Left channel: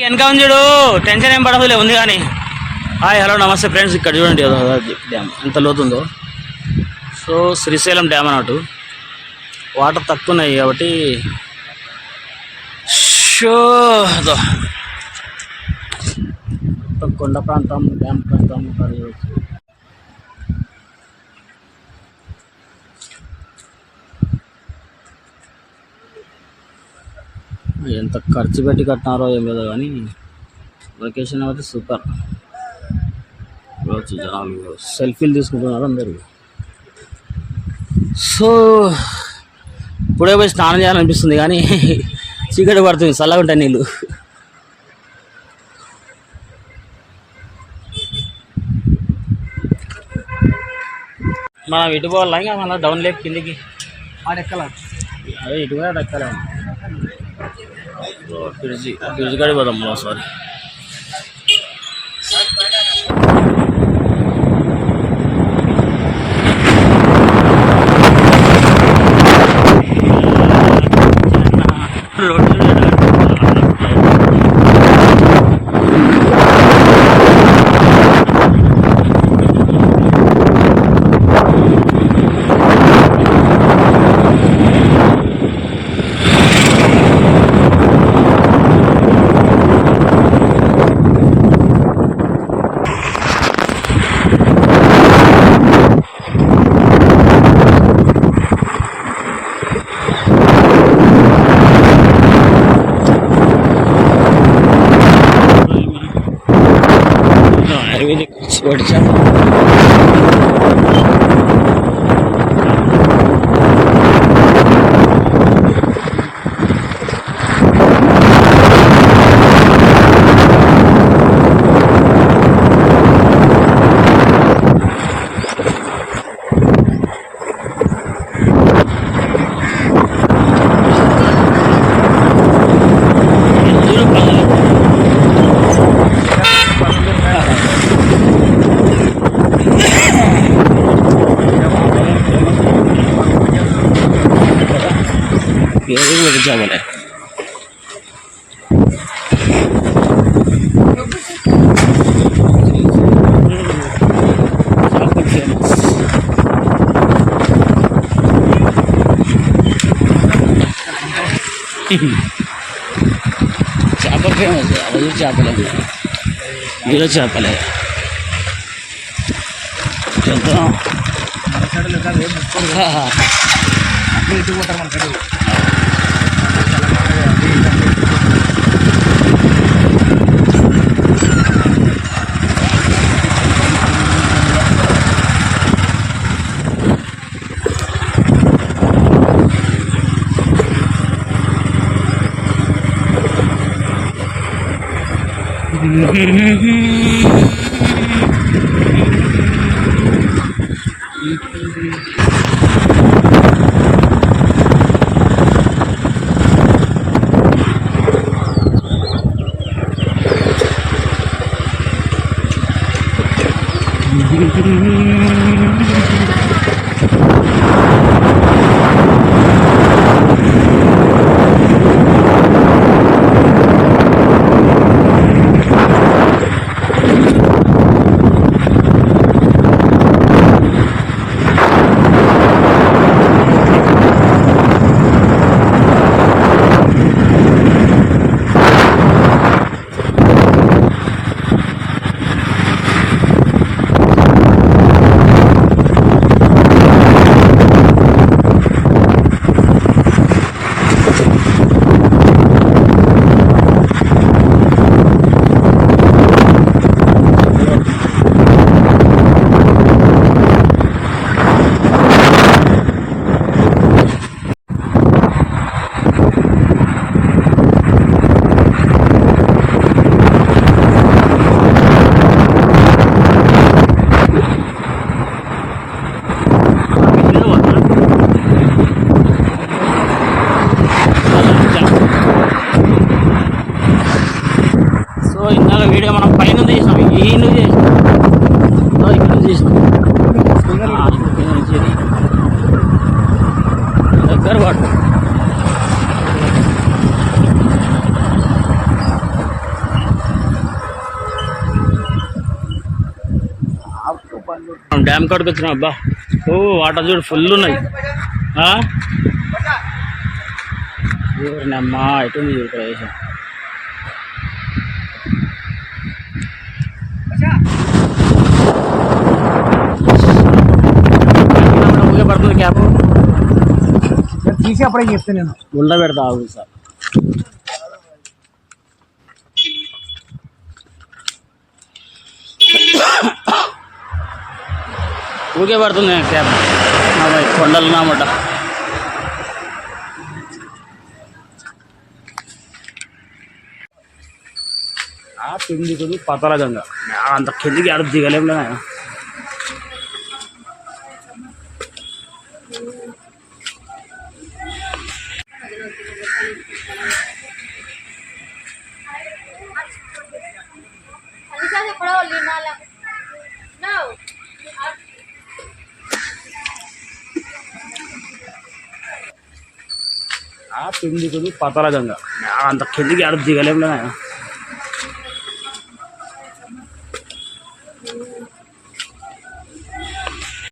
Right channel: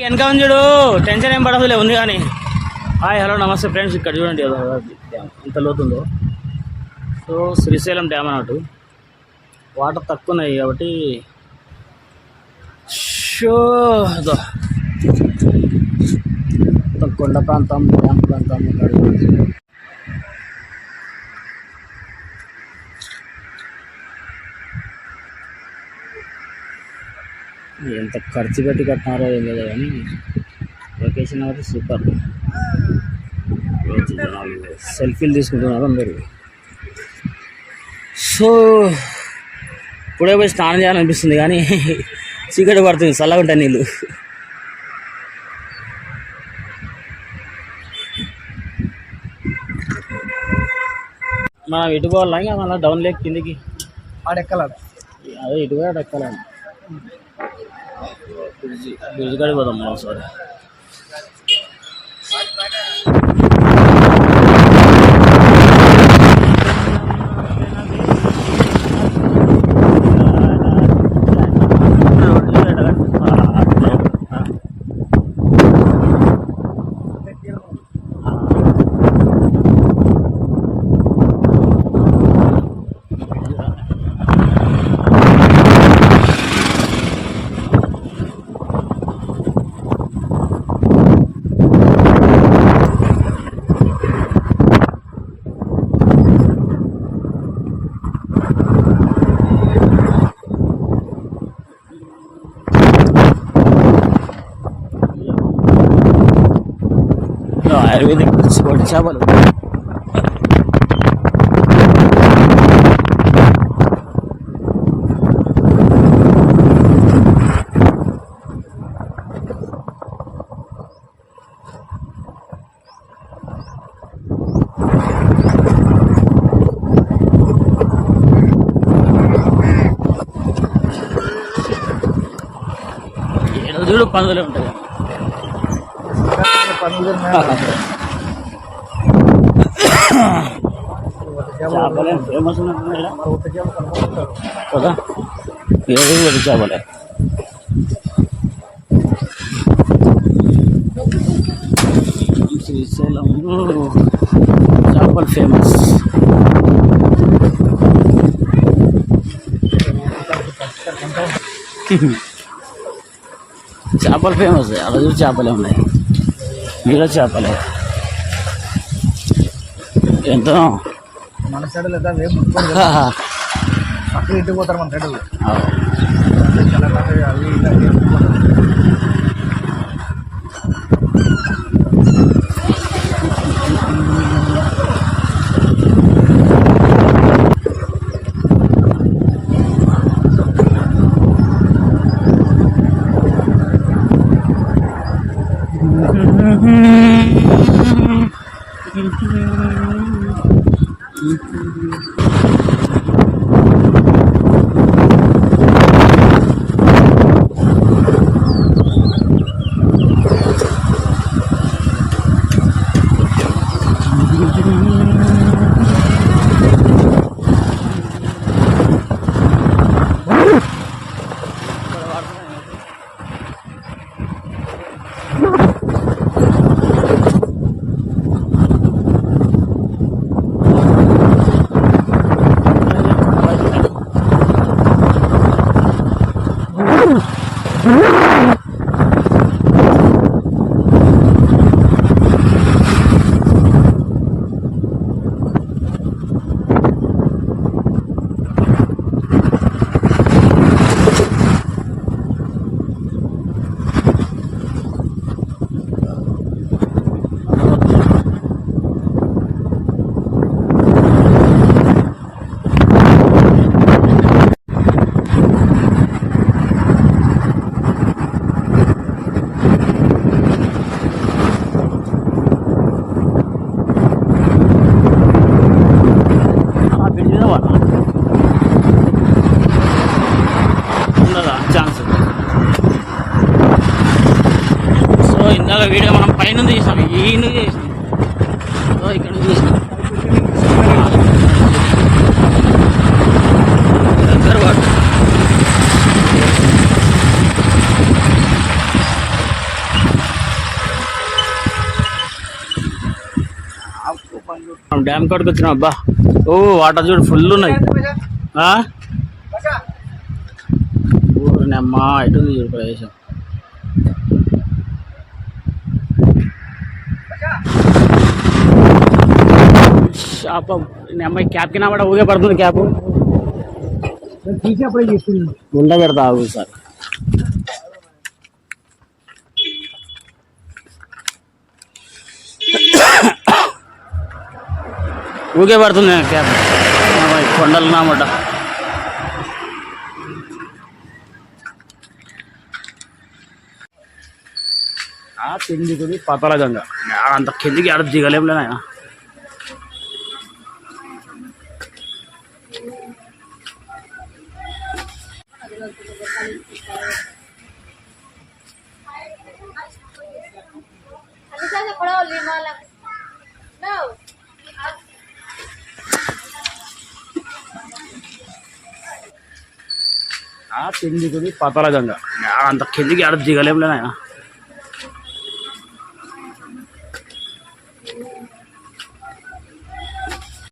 వెనక ఉంది చూడు టెన్షన్ ఏం పడదులే ఉంది కానీ. హాయ్ హలో నమస్తే ఫ్రెండ్స్ ఇక్కడ చూడండి డ్యామ్ ఎంత లోతుందో. సో శ్రీశైలం డ్యామ్ అన్నట్టు. వాటర్ తక్కువ ఉన్నాయి కాబట్టి. షో అదో. కొండ ప్రాంతం డ్యామ్ ప్రాంతం ఎంత ఖర్చు పెట్టి కట్టినారో ఏం లేదో కానీ లొకేషన్ అయితే సూపర్. రోజు జనాలు సెల్ఫీలు తీసుకుంటున్నారు అందరు. సో ఇప్పుడే పోయి స్నానం చేయాలనిపిస్తుంది కానీ చీకటి పడుతుంది చల్లగా ఉంటాయి నీళ్ళు. మనం ఇటు పోవాలా? ఇంకా మన డౌన్ లేక్ కిందికి. ఆడెక్కలా? అదే ఇటు కూడా ఎక్కలేము. फिर जी फिर जी गाड़ी बदम सॉरी మనం సారీ ఆయుర్వేదిక్ चापल चावल आहे फ़ेमस फ़ेमस है अभी चापल है गिरा चापल है हाँ లెక్క లేదు. అప్పుడు ఇటు పోతారు మన సైడ్ సో 何? ఇందాక వీడియో మనం పైన చేసాం ఈ చేసినాం. దగ్గర మనం డ్యామ్ కాడికి వచ్చినాం అబ్బా. ఓ వాటర్ చూడు ఫుల్ ఉన్నాయి. అమ్మా ఎటు చూడు ప్రదేశం. ఊగే పడుతుంది క్యాప్ తీసి అప్పుడే చెప్తాను నేను గుండ పెడతా ఆగు సార్ ఊగే పడుతుంది క్యాబ్ నా కొండలు నామట ఆ కిందికి పతల గంగ అంత కిందికి ఆడ దిగలేములే ఆయన Alisannya kalau lima lah. ఆ కిందికి పతల గంగ అంత కిందికి ఆడ దిగలేములే ఆయన